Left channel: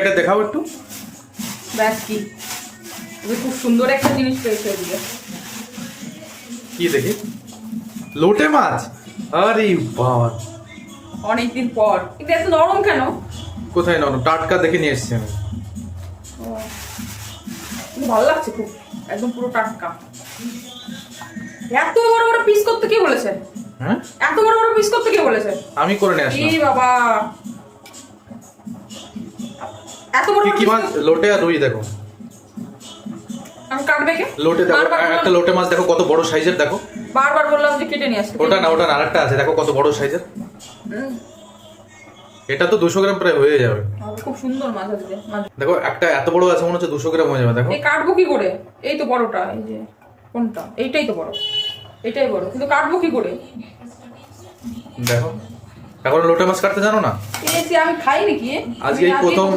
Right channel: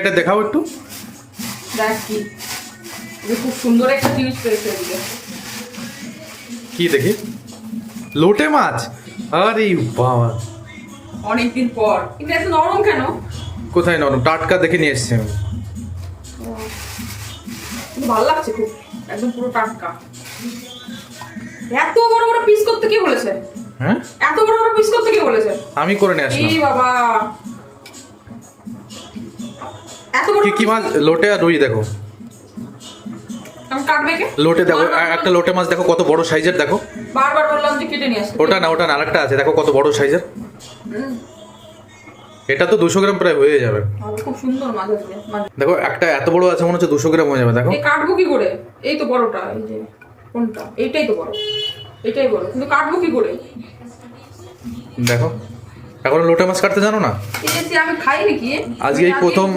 এটা দেখাও একটু। দেখ কি খুব সুন্দর একটা জিনিস পেয়েছে এদিকে। কি দেখি? লোটে মাছ। আরে বাবা, অনেকদিন পর। এটা এত নরম কেন? কোথায় নরম? টাটকা দেখে নিয়ে এসছি আমি। ভালো লাগছে খুব, একদম পুরো টাটকা। এত বড় বড় পিস করতে কে বলেছে? হ্যাঁ, এত বড় বড় পিস করতে কে বলেছে? আমি করে নিয়ে আসলাম। এই বাবা, এত বড় কি মাছ? লোটে আর রুই দেখো। আমি কাটবে কে? লোটে দেখো, একটা লোটে মাছ দেখো কত বড় সাইজের, দেখো। বারবার বললাম যে কেটে নিয়ে আসতে। ওটা না, ওটা না, আরেকটা আছে দেখো কত বড় সাইজের। এটা তো 200 গ্রাম প্রায় হয়ে যাবে। খুব সুন্দর মাছ আছে। দেখো একটা এত বড় আছে, মনে হচ্ছে 200 গ্রাম হয়ে যাবে। দেখো এই কাটবো কি করে? এই তো বড়টা, এই যে কোনটা? এইটাই তো বড়, এইটাই বড়, কিন্তু কাটবো কি করে? দেখো, এখন লোটে মাছ কাটতে জানো না? কিনেছি আমি, খাইনি কি? আজকে এই প্রথম